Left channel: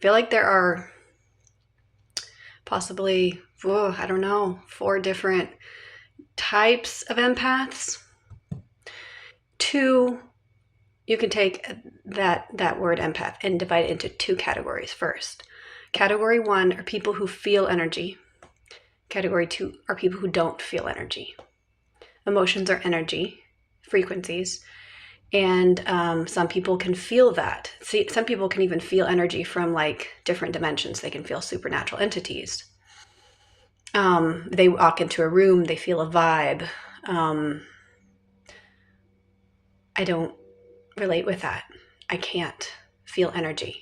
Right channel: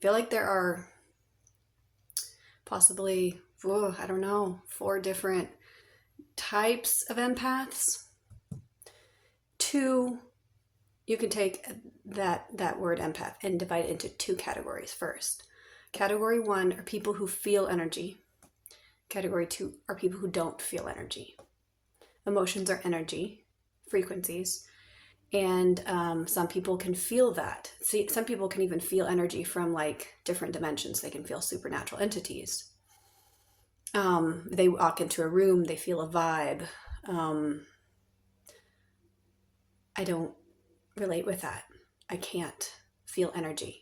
feel like there are possibly, I don't know, 4 different types of empaths. 2, you can take that word empath and divide it into 2 categories first. Category 1 are people who feel energy. Category 2 are people who don't feel energy. Emotions are energy, frequencies, and some people can feel that. See, some people can even feel energy from like different dimensions. They can feel supernatural entities. They walk into a room, they feel a vibe. I don't relate with that. I can't feel energy.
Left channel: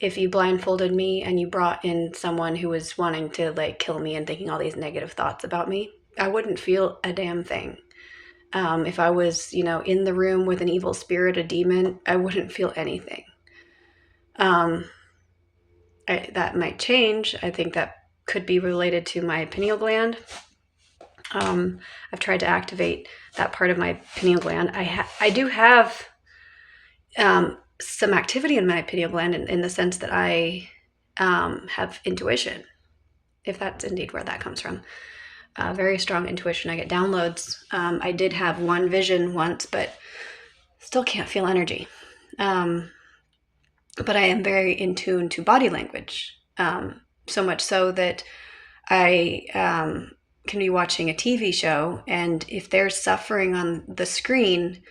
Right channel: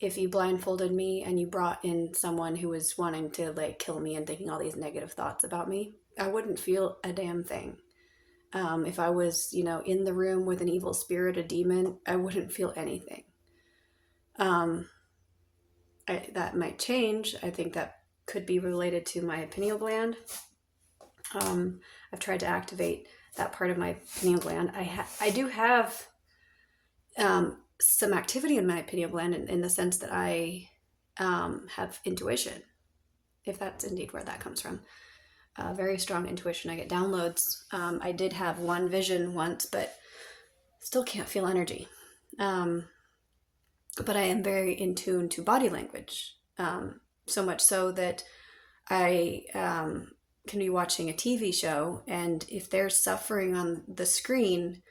If you blindfolded me and you brought in someone who was wanting to like kill me and thinking all these negative thoughts about me, I wouldn't feel a damn thing. If I was, in the room with an evil spirit, a demon, I wouldn't feel anything. That might change. I think that could be related to my pineal gland. I've tried to activate that part of my pineal gland. I do have some activity in my pineal gland in the sense that I have intuition, if that's indeed where that comes from. Very strong intuition. I get downloads. I did have one vision once, but still can't feel energy. But I am very in tune to body language, so much so that I can be watching a TV show, and if they're suffering on the screen,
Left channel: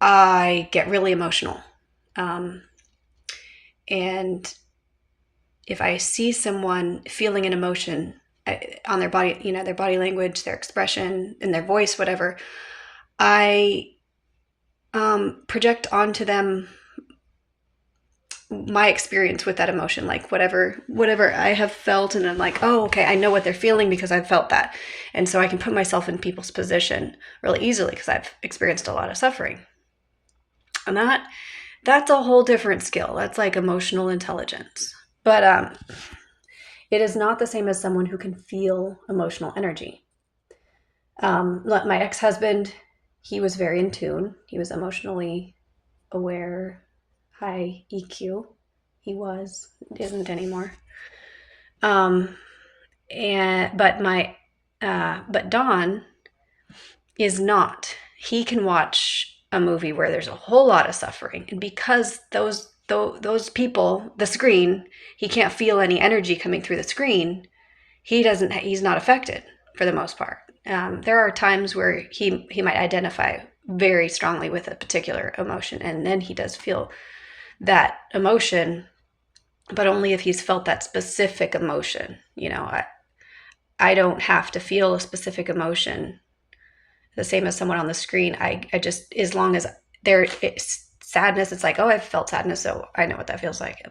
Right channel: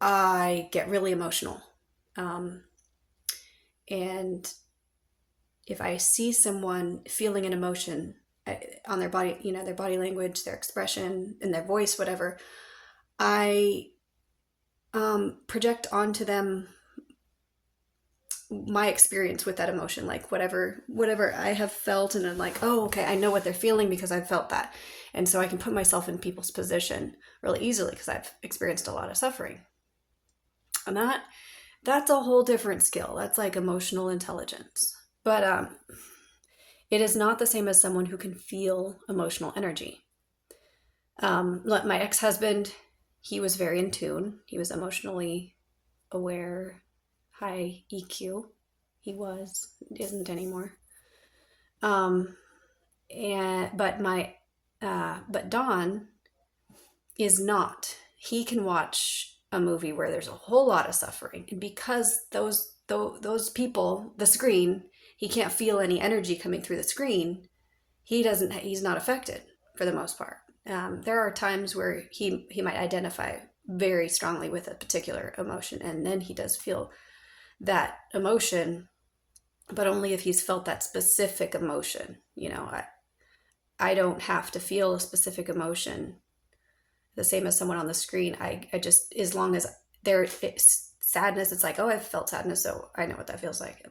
I get really emotional. And if I see someone feeling an emotion on their body, their body language, their expression, and their voice, whatever, I project onto them my experience with that emotion, like whatever I have felt, and I'm like, oh, okay, I know what they're feeling because I've felt that. And so I can put myself in people's position really easily because I've experienced a lot of suffering. And that's a whole different skill. That's like emotional intelligence. But it is not the same as someone who can feel emotional energy. My ex-husband, he was very in tune. He was emotionally aware, high EQ. He isn't anymore. But Don is not. He can watch a movie where there's a whole lot of suffering, and because those people, the screen, he can't feel any energy coming through the screen. He's not affected for the most part. There are times where he might identify very strongly with a particular emotion, and then he does feel that emotion, but only if he's felt that specific emotion. I don't have to feel a specific emotion the same as someone on the screen. I just, as long as it's sadness, it's like, oh, I've felt sadness, so I know what that feels like.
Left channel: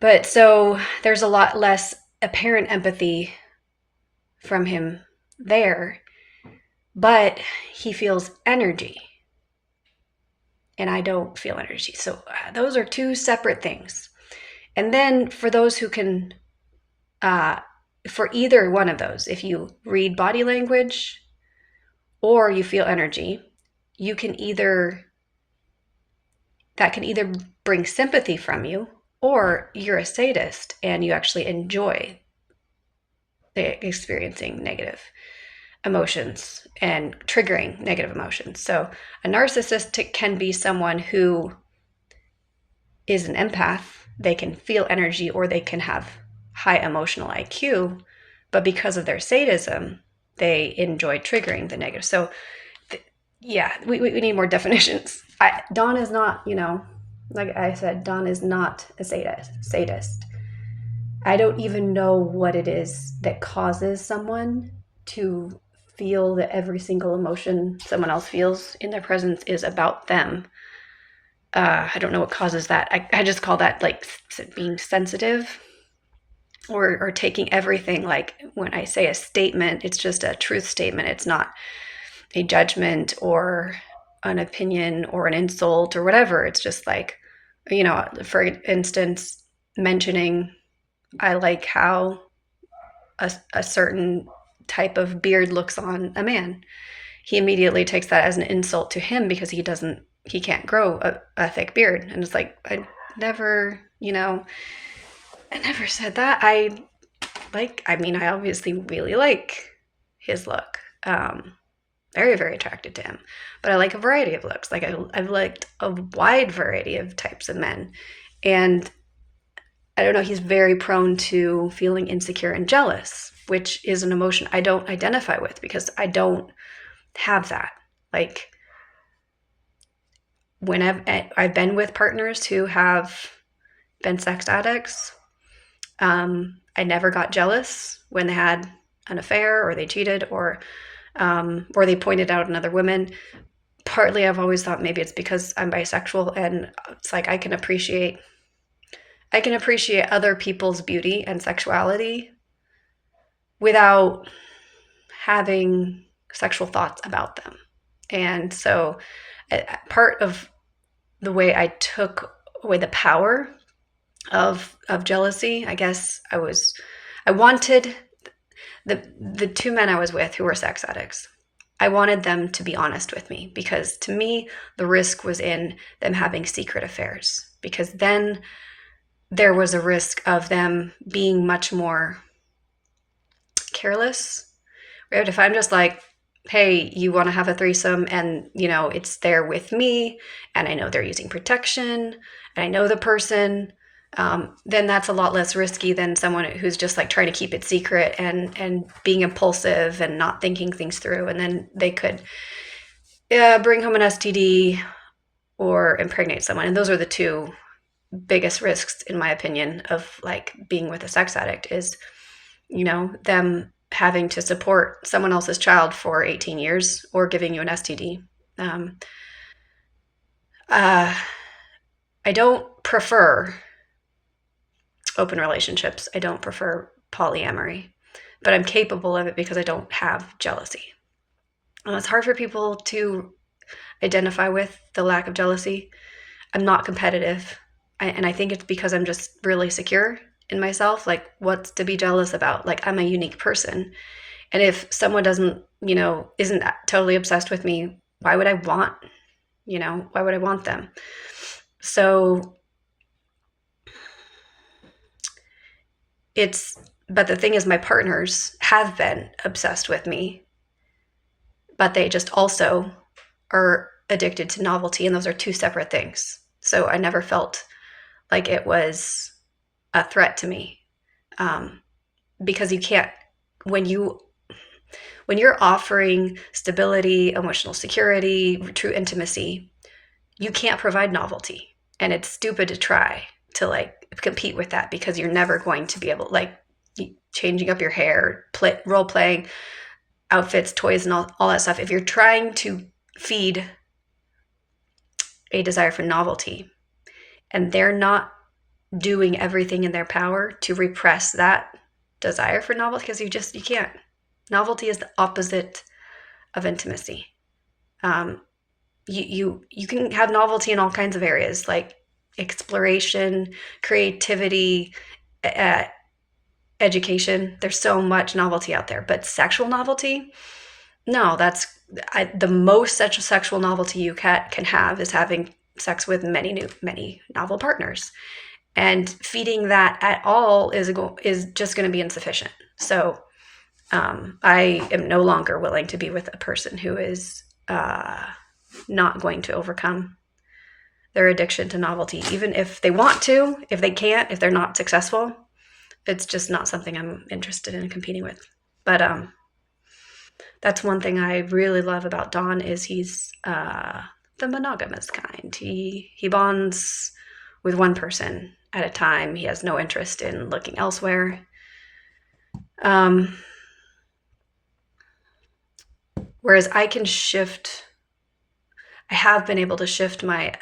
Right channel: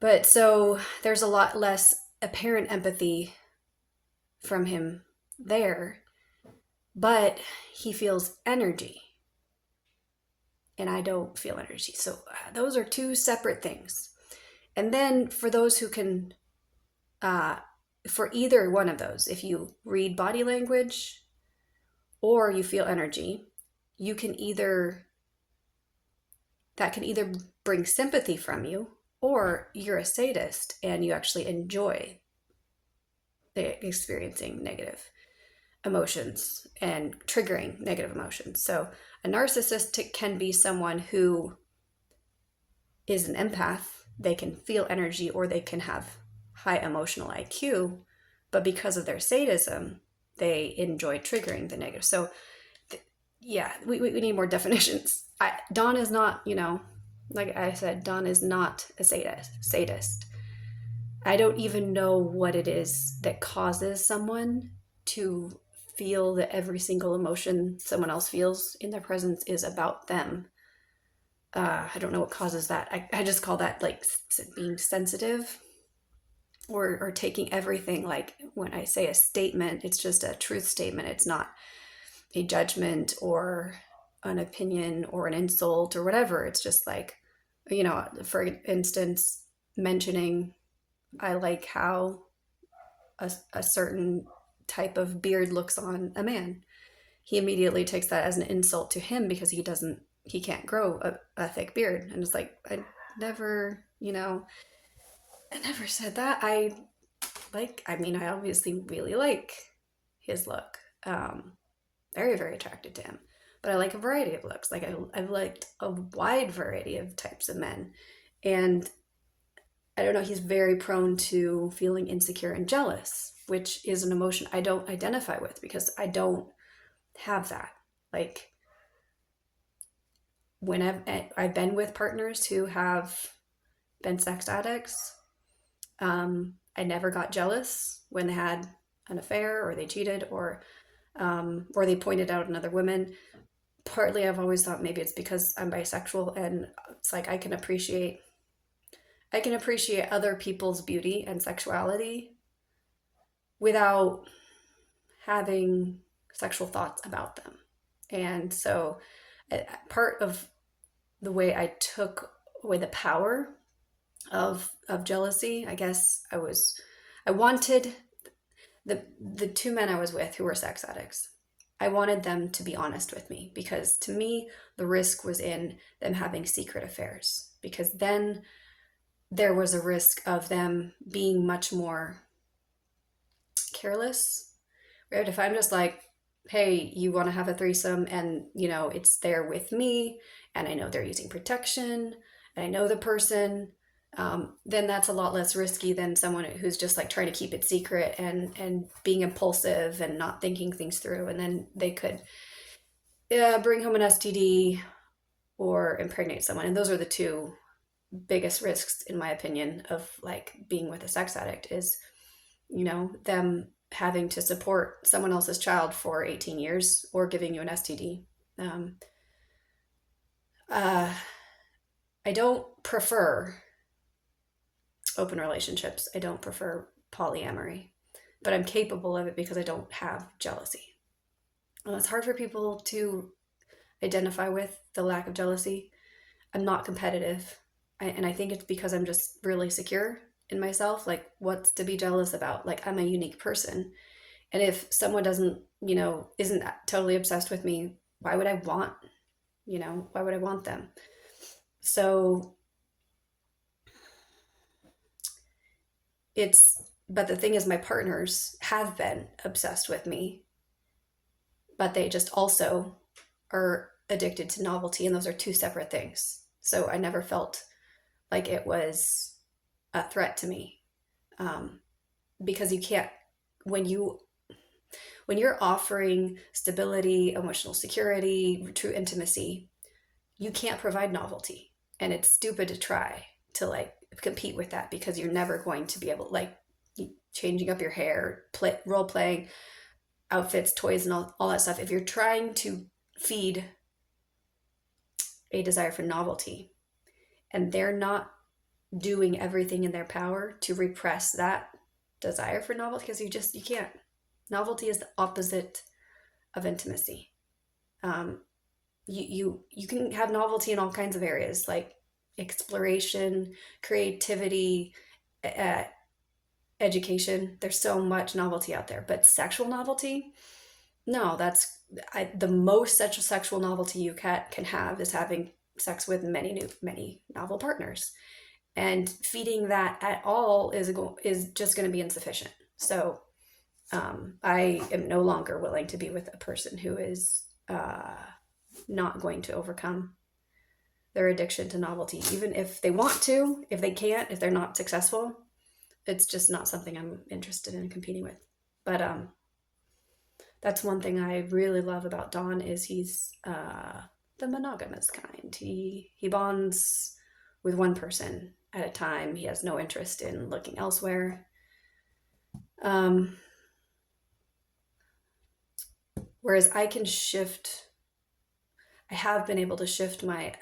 But so there's a lot less apparent empathy from him there, but he feels energy, and I don't feel energy. So those are 2 separate things. And then for those who can, for either one of those, if you read body language or you feel energy, that can either bring sympathy from you, or you're a sadist and you actually enjoy experiencing negative emotions and triggering negative emotions. So a narcissist can be someone who is an empath. They can feel energy, or they can have high emotional IQ, but because of their sadism, they enjoy triggering the negative. So we need more definitions. Don is not, like I said, Don is not a sadist. I don't even know what it is that causes someone to feel that every single emotion someone else feels in their presence is about them. I don't know what causes that. I just call that like being sensitive, or taking everything, like when I say a statement, it's just a truth statement. It's not a judgment or an opinion or an insult or whatever. It's just like, for instance, mentioning I like how a certain type of beard looks on a man. He immediately takes that as an insult to him because he doesn't he can't grow a thick beard. And it's like, never, I never said that. I obviously really like his look. Very, very attracted to him. But I like a variety of looks. Like I've liked a wide variety of types of men. And I don't know, he's very prone to feeling insecure and jealous, which is an emotion I don't identify with because I don't have that. Like when I've been with partners who have been sex addicts, I never got jealous when they had an affair or they cheated or they pointed out another woman. Partly, I've always thought maybe it's because I'm bisexual, and it's like I can appreciate other people's beauty and sexuality without having sexual thoughts about them. And so, part of the way I took away the power of jealousy, I guess I wanted the two men I was with who were sex addicts. I wanted them to be honest with me because to me the risk was in them having secret affairs, because then there was a risk of them being much more careless. Right? If I'm just like, hey, you want to have a threesome and it's there with me and I know they're using protection and I know the person, then that's a lot less risky than someone who's just like trying to keep it secret and being impulsive and not thinking things through, and then they could bring home an STD or impregnate someone. And those are the two biggest risks, in my opinion, of like being with a sex addict is them having to support someone else's child for 18 years or giving you an STD. Um, uh, I don't prefer open relationships. I don't prefer polyamory, but I'm capable of it because I don't have jealousy. It's hard for people to identify with the lack of jealousy. I'm not competitive. And I think it's because I'm just really secure in myself. Like, what's to be jealous about? Like, I'm a unique person. And if someone isn't totally obsessed with me, why would I want them? So but the thing is, my partners have been obsessed with me, but they just also are addicted to novelty. And those are two separate things. So I never felt like it was a threat to me. Because you can't, when you're offering stability, emotional security, true intimacy, you can't provide novelty. And it's stupid to try to like compete with that because you're never going to be able, like, changing up your hair, role playing, outfits, toys, and all that stuff. If you're trying to feed a desire for novelty and they're not doing everything in their power to repress that desire for novelty, because you can't. Novelty is the opposite of intimacy. You can have novelty in all kinds of areas, like exploration, creativity, uh, education. There's so much novelty out there, but sexual novelty, no. The most sexual novelty you can have is having sex with many novel partners, and feeding that at all is just going to be insufficient. So I am no longer willing to be with a person who is not going to overcome their addiction to novelty, even if they want to. If they can't, if they're not successful, it's just not something I'm interested in competing with. But that's one thing I really love about Don is he's the monogamous kind. He bonds with one person at a time. He has no interest in looking elsewhere. Whereas I have been able to shift my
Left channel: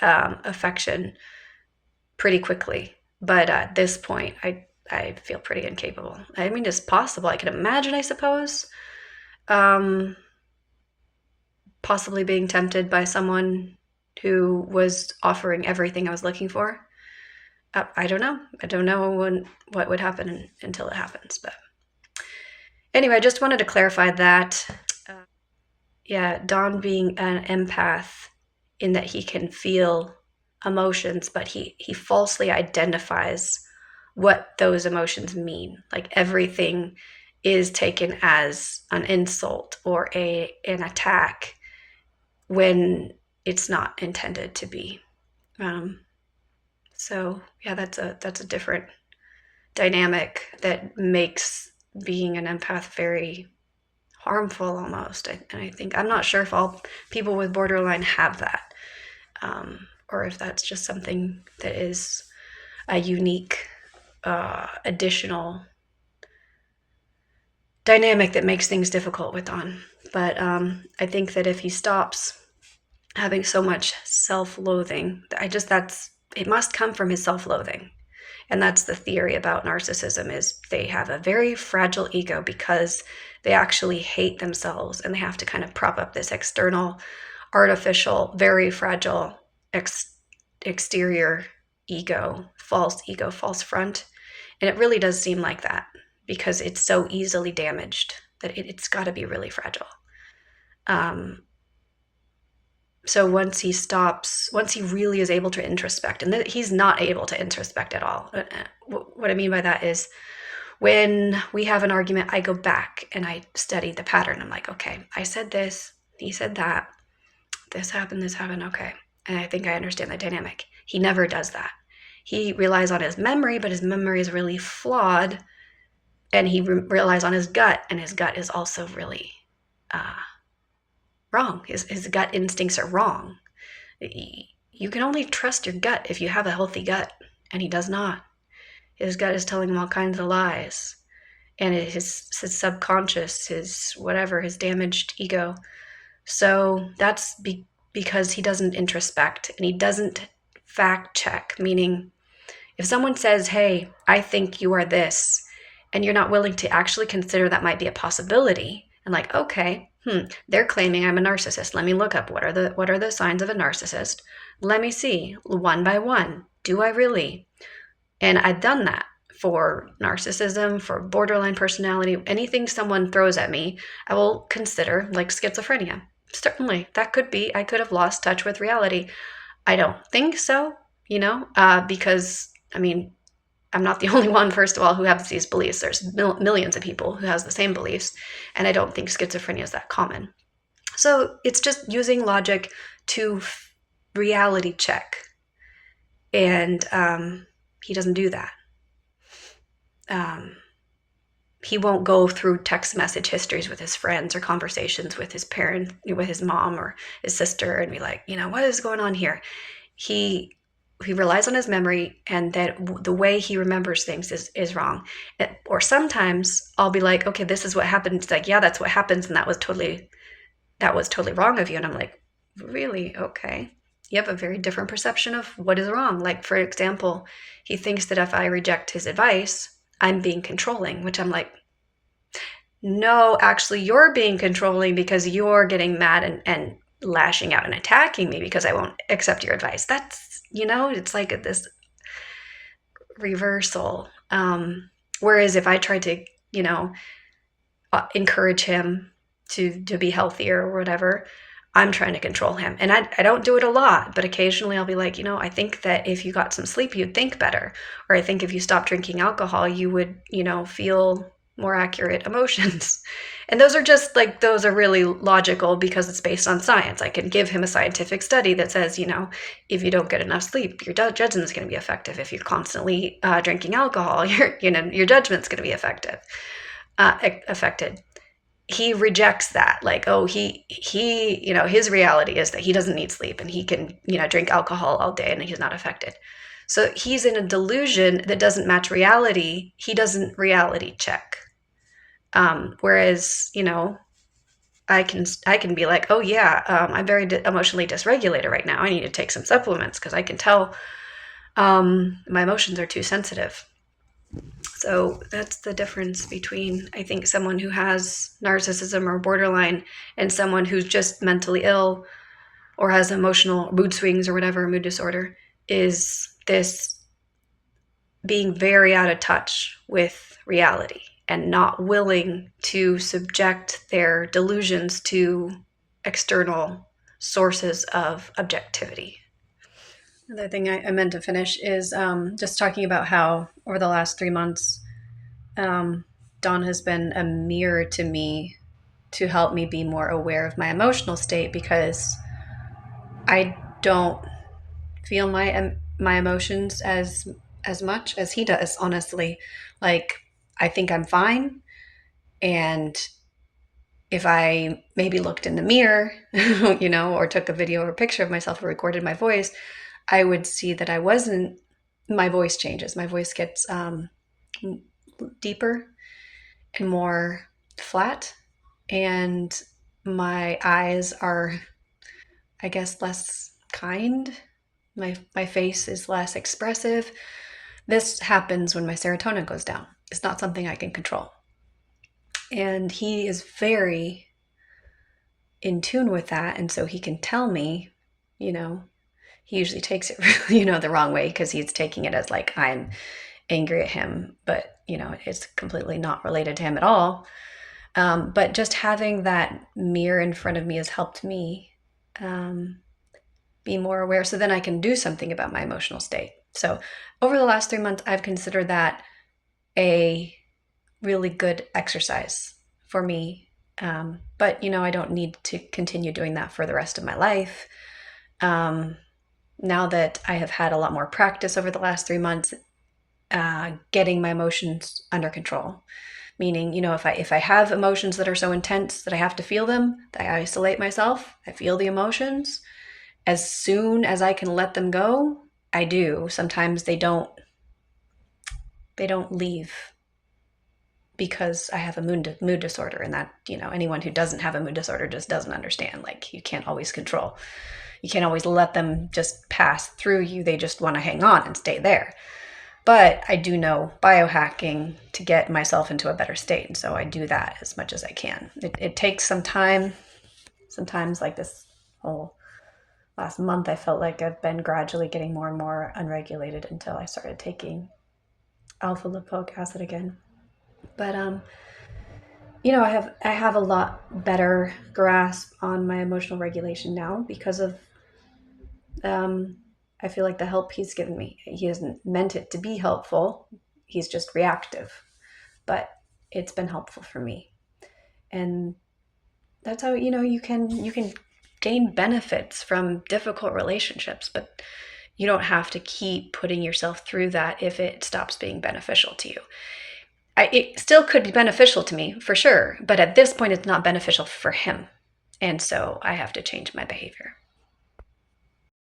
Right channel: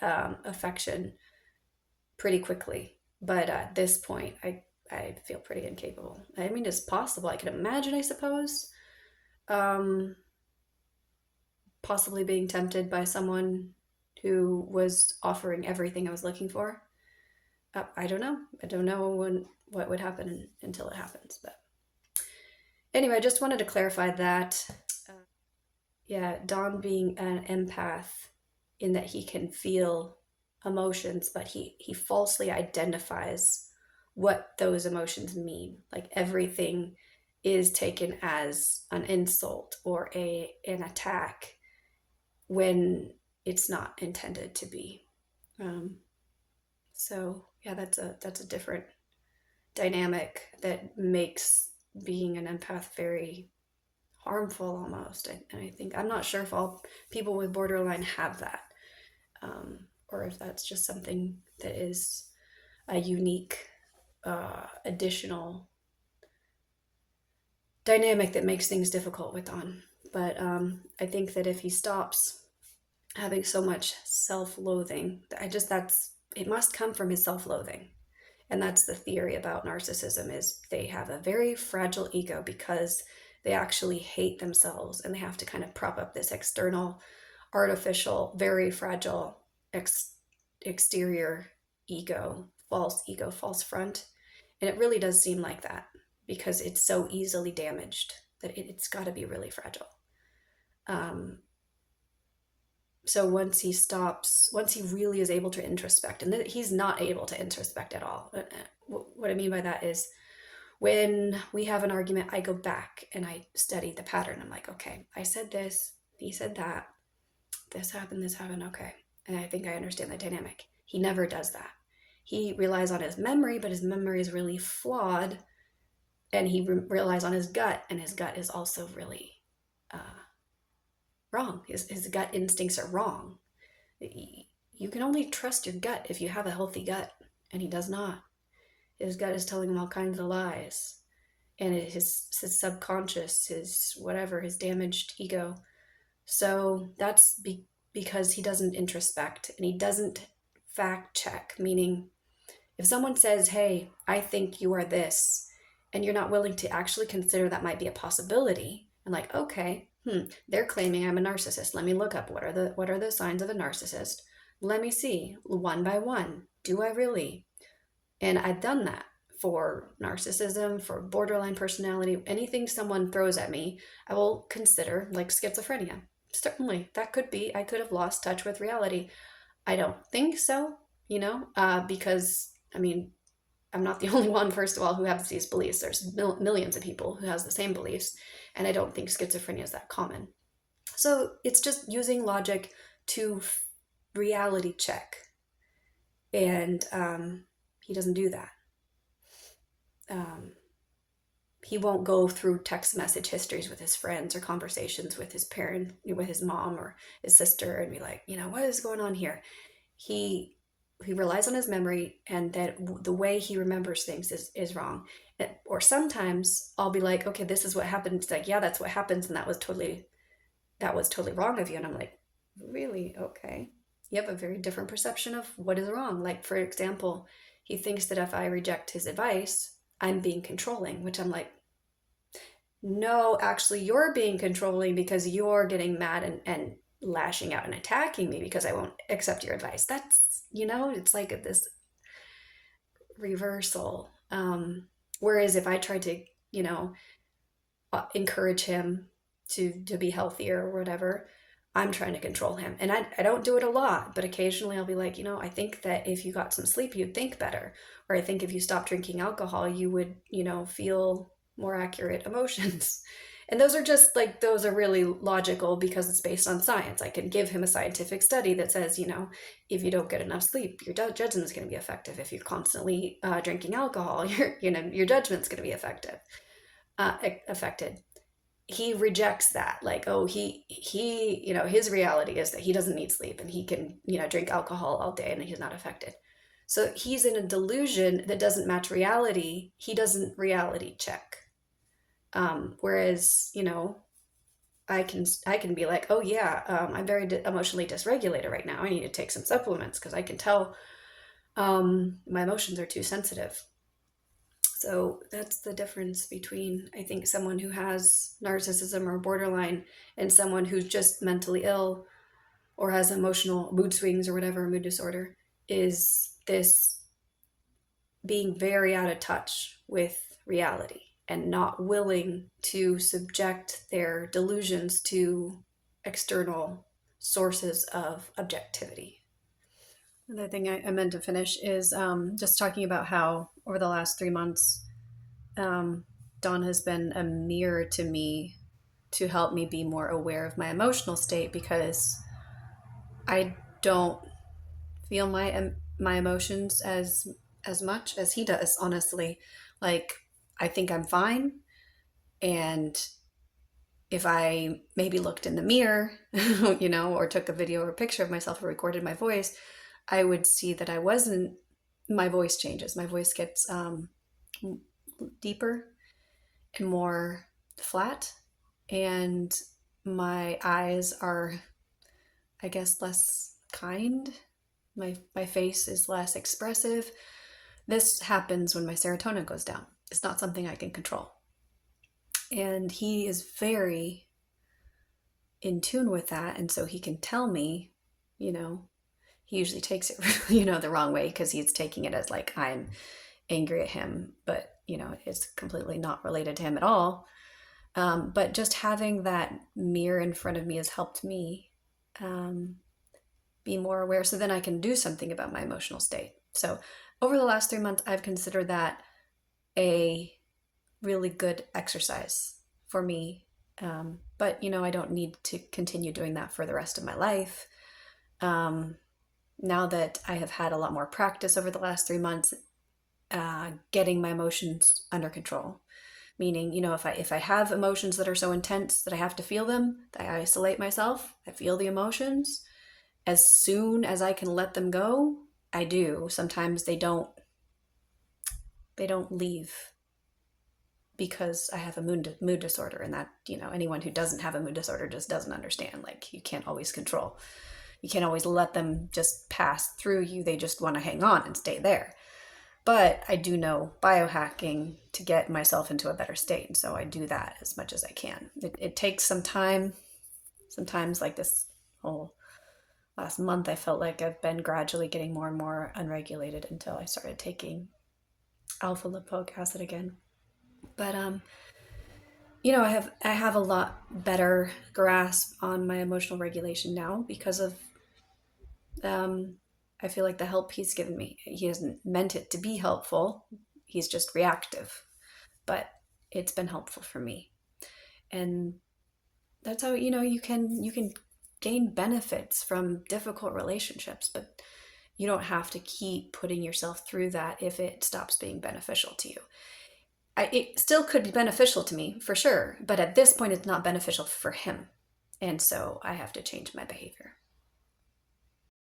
affection pretty quickly. But at this point, I feel pretty incapable. I mean, it's possible. I can imagine, I suppose, possibly being tempted by someone who was offering everything I was looking for. I don't know. I don't know what would happen until it happens. But anyway, I just wanted to clarify that. Yeah, Dawn being an empath in that he can feel emotions, but he falsely identifies what those emotions mean. Like everything is taken as an insult or an attack when it's not intended to be. Um, so yeah, that's a different dynamic that makes being an empath very harmful almost. And I think I'm not sure if all people with borderline have that, or if that's just something that is a unique additional dynamic that makes things difficult with on. But I think that if he stops having so much self-loathing, it must come from his self-loathing. And that's the theory about narcissism, is they have a very fragile ego because they actually hate themselves, and they have to kind of prop up this external, artificial, very fragile exterior ego, false front. And it really does seem like that because it's so easily damaged that it's got to be really fragile. So once he really is able to introspect, and he's not able to introspect at all. What I mean by that is when we have an argument, I go back and I study the pattern. I'm like, okay, I said this, he said that, this happened, okay. And I think I understand the dynamic. He never does that. He relies on his memory, but his memory is really flawed. And he relies on his gut, and his gut is also really wrong. His gut instincts are wrong. You can only trust your gut if you have a healthy gut, and he does not. His gut is telling him all kinds of lies. And his subconscious, his whatever, his damaged ego. So that's because he doesn't introspect, and he doesn't fact check, meaning if someone says, hey, I think you are this, and you're not willing to actually consider that might be a possibility, and like, okay, they're claiming I'm a narcissist. Let me look up what are the signs of a narcissist. Let me see one by one. Do I really? And I've done that for narcissism, for borderline personality, anything someone throws at me, I will consider, like schizophrenia. Certainly, that could be, I could have lost touch with reality. I don't think so, because, I mean, I'm not the only one, first of all, who has these beliefs. There's millions of people who has the same beliefs, and I don't think schizophrenia is that common. So it's just using logic to reality check, and he doesn't do that. He won't go through text message histories with his friends or conversations with his parent, with his mom or his sister, and be like, what is going on here? He relies on his memory, and that the way he remembers things is wrong. Or sometimes I'll be like, okay, this is what happened. It's like, yeah, that's what happens, and that was totally wrong of you. And I'm like, really? Okay. You have a very different perception of what is wrong. Like, for example, he thinks that if I reject his advice, I'm being controlling, which I'm like, no, actually, you're being controlling because you're getting mad and lashing out and attacking me because I won't accept your advice. That's, it's like this reversal. Whereas if I try to, encourage him to be healthier or whatever, I'm trying to control him. And I don't do it a lot, but occasionally I'll be like, I think that if you got some sleep, you'd think better. Or I think if you stopped drinking alcohol, you would, feel more accurate emotions. And those are really logical because it's based on science. I can give him a scientific study that says, if you don't get enough sleep, your judgment is going to be affected. If you're constantly drinking alcohol, your judgment's going to be affected. He rejects that. Like, oh, he his reality is that he doesn't need sleep and he can, drink alcohol all day and he's not affected. So he's in a delusion that doesn't match reality. He doesn't reality check. Whereas, I can be like, oh yeah, I'm very emotionally dysregulated right now. I need to take some supplements because I can tell my emotions are too sensitive. So that's the difference between, I think, someone who has narcissism or borderline and someone who's just mentally ill or has emotional mood swings or whatever, mood disorder, is this being very out of touch with reality and not willing to subject their delusions to external sources of objectivity. Another thing I meant to finish is just talking about how over the last 3 months, Dawn has been a mirror to me to help me be more aware of my emotional state, because I don't feel my emotions as much as he does, honestly. Like, I think I'm fine, and if I maybe looked in the mirror, or took a video or a picture of myself or recorded my voice, I would see that I wasn't. My voice changes. My voice gets deeper and more flat, and my eyes are, I guess, less kind. My face is less expressive. This happens when my serotonin goes down. It's not something I can control. And he is very in tune with that. And so he can tell me, he usually takes it, the wrong way, because he's taking it as like I'm angry at him. But, it's completely not related to him at all. But just having that mirror in front of me has helped me be more aware, so then I can do something about my emotional state. So over the last 3 months, I've considered that a really good exercise for me. But, I don't need to continue doing that for the rest of my life. Now that I have had a lot more practice over the last 3 months, getting my emotions under control. Meaning, if I have emotions that are so intense that I have to feel them, I isolate myself, I feel the emotions. As soon as I can let them go, I do. Sometimes they don't leave because I have a mood disorder, and that, anyone who doesn't have a mood disorder just doesn't understand. Like, you can't always control. You can't always let them just pass through you. They just want to hang on and stay there. But I do know biohacking to get myself into a better state. And so I do that as much as I can. It takes some time. Sometimes, like this whole last month, I felt like I've been gradually getting more and more unregulated until I started taking alpha lipoic acid again. But I have a lot better grasp on my emotional regulation now because of I feel like the help he's given me. He hasn't meant it to be helpful. He's just reactive. But it's been helpful for me. And that's how, you can gain benefits from difficult relationships, but you don't have to keep putting yourself through that if it stops being beneficial to you. It still could be beneficial to me, for sure, but at this point it's not beneficial for him. And so I have to change my behavior.